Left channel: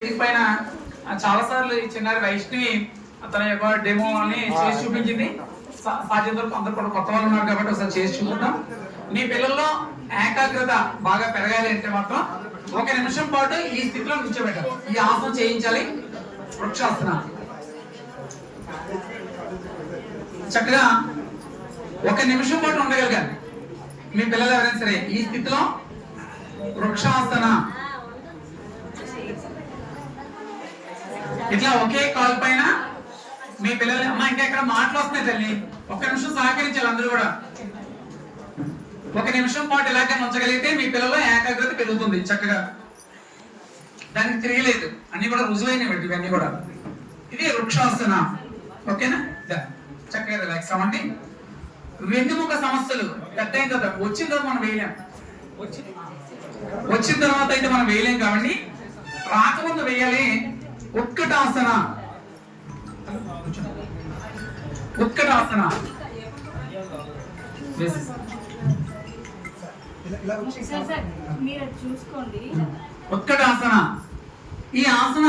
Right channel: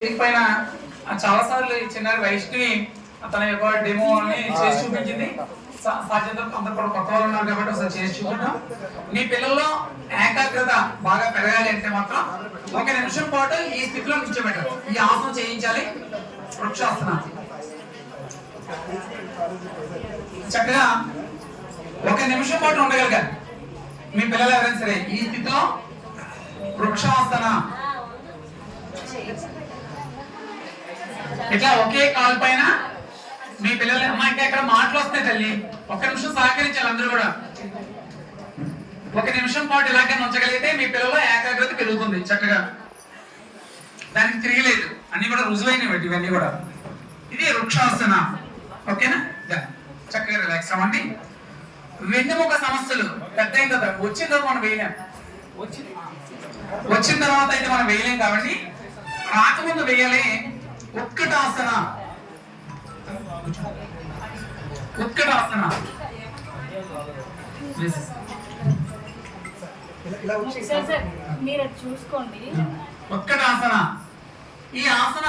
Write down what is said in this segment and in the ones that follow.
పైన చాలా సార్లు ఈ చిన్నారి వైష్ణవి తన యొక్క డెమో అని చేసి చూపించింది. సాధ్యతలు అందరూ కూడా కొత్త వాళ్ళు ఉన్నారు కాబట్టి ఒకసారి చేసి చూద్దాం. మీ పిల్లల్లో ఏకాగ్రత బాగా పెరగాలి అంటే మాత్రం 1 నిమిషం పాటు ఈ స్థితిలో నిల్చోబెట్టాలి. ఈ ఆసనం చేయించాలి. వృక్షాసన చక్కగా 1 నిమిషం పాటు ఉండగలగాలి. మీ పిల్లలు ఎవరైనా సరే ఈ స్థితిలో వృక్షాసన ఇట్లా ఒకే కాలు పైన మీ పిల్లలు అమ్మ ఇంకా ఇక్కడ మాటలు వస్తాయి తల్లి 1 నిమిషం సహకరించాలి. అందరూ కూడా 1 నిమిషం పాటు ఇలాగే ఉంచగలిగితే మీ పిల్లలు ఏకాగ్రత పెరుగుతుంది. చక్కగా దానికి తిరగలేదు, అన్ని కూడా రుజువైనవి ఇవన్నీ కూడా. ఇది వృక్షాసన. ఓకేనా? చక్కగా రిలాక్స్ అవ్వండి. వెన్నుముక సమస్యలు పెద్ద అయిన తర్వాత వచ్చిన తర్వాత మనం వేయలేం. వచ్చిన తర్వాత అయితే మనం వేయలేం కాబట్టి రాకముందు వేయాలి. ఉత్కటాసన. ఉత్కటాసన ఉత్కటాసన. ఈ ఆసన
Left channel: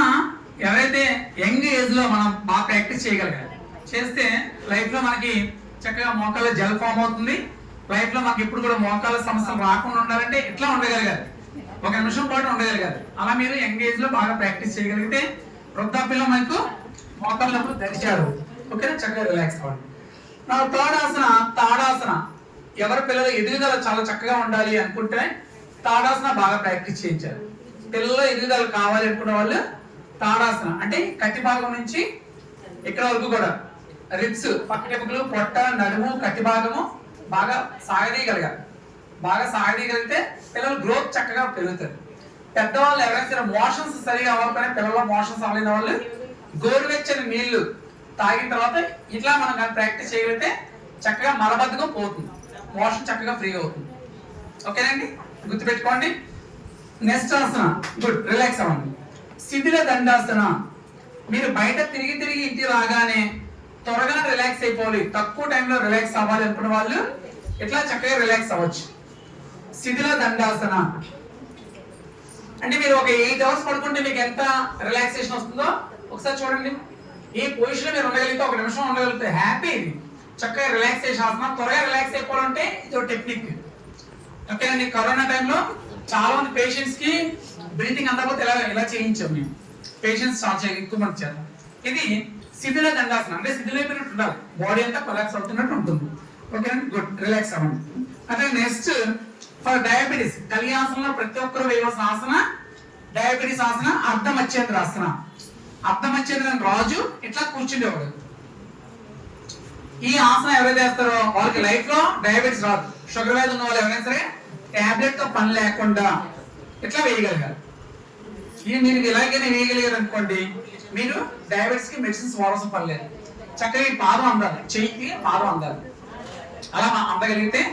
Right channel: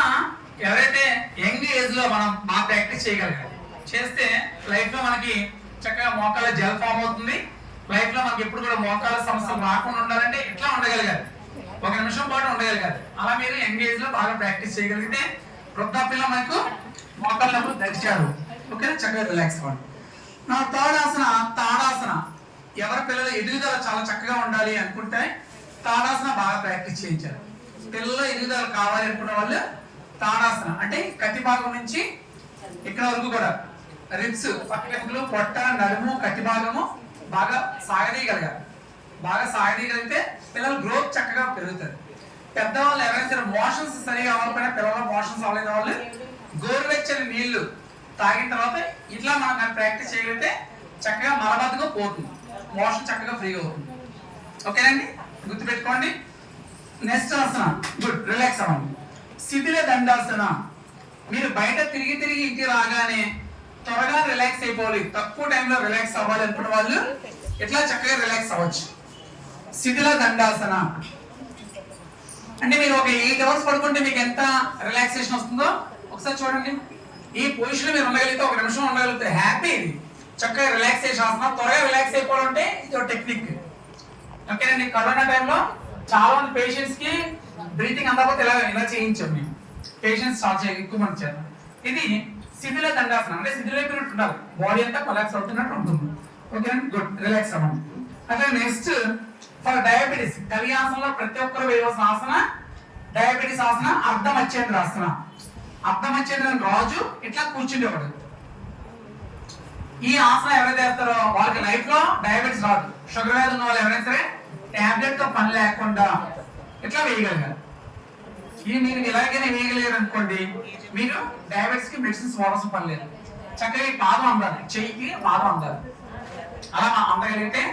ఎవరైతే యంగ్ ఏజ్ లో మనం బాగా ప్రాక్టీస్ చేయగలగాలి. చేస్తే లైఫ్ లో మనకి చక్కగా మోకాళ్ళ జెల్ ఫామ్ అవుతుంది. లైఫ్ లో మనకి ఎప్పుడు కూడా మోకాళ్ళ సమస్యలు రాకుండా ఉండాలంటే ఎట్లా ఉండగలగాలి? 1 నిమిషం పాటు ఉండగలగాలి. అలా మీరు యంగ్ ఏజ్ లో బాగా ప్రాక్టీస్ చేయగలిగితే వృద్ధాప్యంలో మనకు మోకాళ్ళ నొప్పులు తెరిచారు. ఓకేనా? చక్కగా రిలాక్స్ అవ్వండి. నా థర్డ్ ఆసన తాడాసన. ఎవరి పిల్లలు ఎదుగుదల చాలా చక్కగా ఉండాలి అనుకుంటే తాడాసన బాగా ప్రాక్టీస్ చేయించారు. పిల్లలు ఎదుగుదల కావాలి అనుకునే వాళ్ళు తాడాసన అంటే కట్టి భాగం నుంచి ఇక్కడ వరకు కూడా రిబ్స్, పక్కటెముకలు, పొట్ట, నడుము, కట్టి భాగము బాగా సాగదీయగలగాలి. బాగా సాగదీయగలిగితే పిల్లలు గ్రోత్ చక్కగా పెరుగుతుంది. పెద్దవాళ్ళు ఎవరైనా సరే మోషన్స్ సరిగా అవ్వకపోయినా పిల్లల మోషన్స్ అవ్వలేదు వాళ్ళు గోరువెచ్చని నీళ్లు తాగిన తర్వాత ఇట్లా మనం కానీ ప్రాక్టీస్ చేయగలిగితే చక్కగా మలబద్ధకం పోతుంది, మోషన్ చక్కగా ఫ్రీగా అవుతుంది. ఓకేనండి? గుర్తుపెట్టుకోండి. నెక్స్ట్ ఆసన. గుడ్. రిలాక్స్ అవ్వండి. శిథిల దండాసన. మీరు బయట తిరిగి తిరిగి ఇంటికి రాగానే త్వరగా రిలాక్స్ అయిపోవాలి, తక్కువ టైంలో రిలాక్స్ అవ్వాలి అనుకున్న వాళ్ళు ఇట్లా చక్కగా రిలాక్స్ అవ్వచ్చు. శిథిల దండాసన అంటే మీరు ఒక 8 అవర్స్ పడుకుంటే మీకు ఎంత రిలాక్సేషన్ వస్తుందో ఒకసారి చూడండి. ఈ పొజిషన్ మీరు ఉండగలిగితే 1 నిమిషం ఉండగలిగితే హ్యాపీ. చక్కగా రిలాక్సేషన్ ఆసనం. త్వరగా రిలాక్స్ అయిపోవాలంటే ఇది ఒక టెక్నిక్. ఓకేనండి? కరోనా టైంలో చాలా మంది పేషెంట్స్ కి బ్రీతింగ్ అందకపోతే ఇలా చేయించాం మేము. పేషెంట్స్ ఎక్కువ మంది చేస్తారు. ఇది శిథిల దండాసన అంటే శిథిలైపోయినట్టు ఉండాలి, బాడీ అంతా కొలాప్స్ అవుతున్నట్టు ఉంటుంది. ఓకేనండి? గుడ్. రిలాక్స్ అవ్వండి. అట్లా నెక్స్ట్ ఫర్ డయాబెటీస్ కలియాసనంలో ప్రతి ఒక్కరు వేయవలసిన ఆసన డయాబెటీస్ ఆసన అర్ధమచ్చేంద్ర ఆసన. అర్ధమచ్చేంద్ర రాజు ఇట్లా కూర్చుండేవాడు. ఈ ఆసన ఎవరైతే చేస్తారో వాళ్ళకి లైఫ్ లో డయాబెటీస్ రాదు. షుగర్ వ్యాధి ఉన్న వాళ్ళు ఎవరైనా సరే టాబ్లెట్ తో పని లేకుండా ఇట్లా వేయగలగాలి. ఇది మీరు ఇలాగైనా వేయగలిగారు అనుకోండి, మీరు డయాబెటీస్ కి మెడిసిన్స్ వాడాల్సిన పని లేదు. చక్కగా ఈ పాదం అందాలి, చెయ్యికి పాదం అందాలి. అలా అందగలిగితే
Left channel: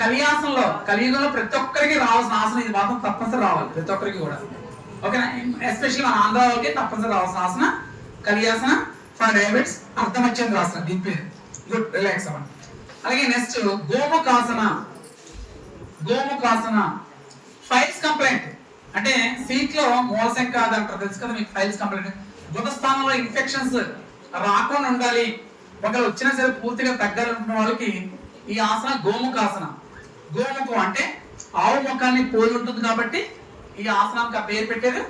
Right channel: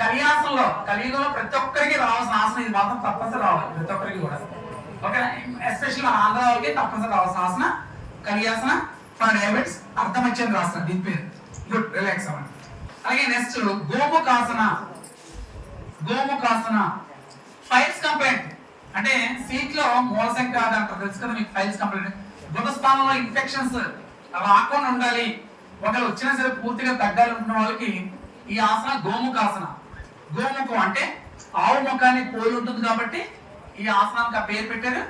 కలియుగంలో ప్రతి ఒక్కరికి రావాల్సిన ఆసనం ఇది మాత్రం తప్పనిసరి రావాలి, ప్రతి ఒక్కరికి కూడా. ఓకేనా? ఎస్పెషల్లీ మన ఆంధ్ర వాళ్ళకి తప్పనిసరి రావాల్సిన ఆసన కలియాసన ఫర్ డయాబెటిస్ అర్ధమచ్చేంద్ర ఆసన. దీని పేరు. గుడ్. రిలాక్స్ అవ్వండి. అలాగే నెక్స్ట్ గోముఖాసన. గోముఖాసన ఫైల్స్ కంప్లైంట్ అంటే సీట్ లో మూలశంక అంటారు, తెలుసు కదా మీకు. ఫైల్స్ కంప్లైంట్ గుణస్థానంలో ఇన్ఫెక్షన్స్ రాకుండా ఉండాలి, ఒకవేళ వచ్చినా సరే పూర్తిగా తగ్గాలి అనుకున్న వాళ్ళకి ఈ ఆసన గోముఖాసన. గోముఖం అంటే ఆవు ముఖాన్ని పోలి ఉంటుంది కాబట్టి ఈ ఆసనానికి ఆ పేరు పెట్టారు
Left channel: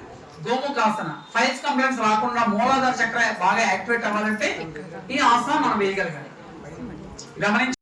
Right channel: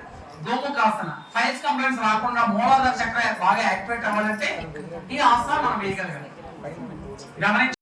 గోముఖాసన. ఫైల్స్ కంప్లైంట్స్ రాకుండా మూలాధార చక్ర బాగా యాక్టివేట్ అవ్వాలంటే ఈ ఆసన మనం వేయగలగాలి. గమనించి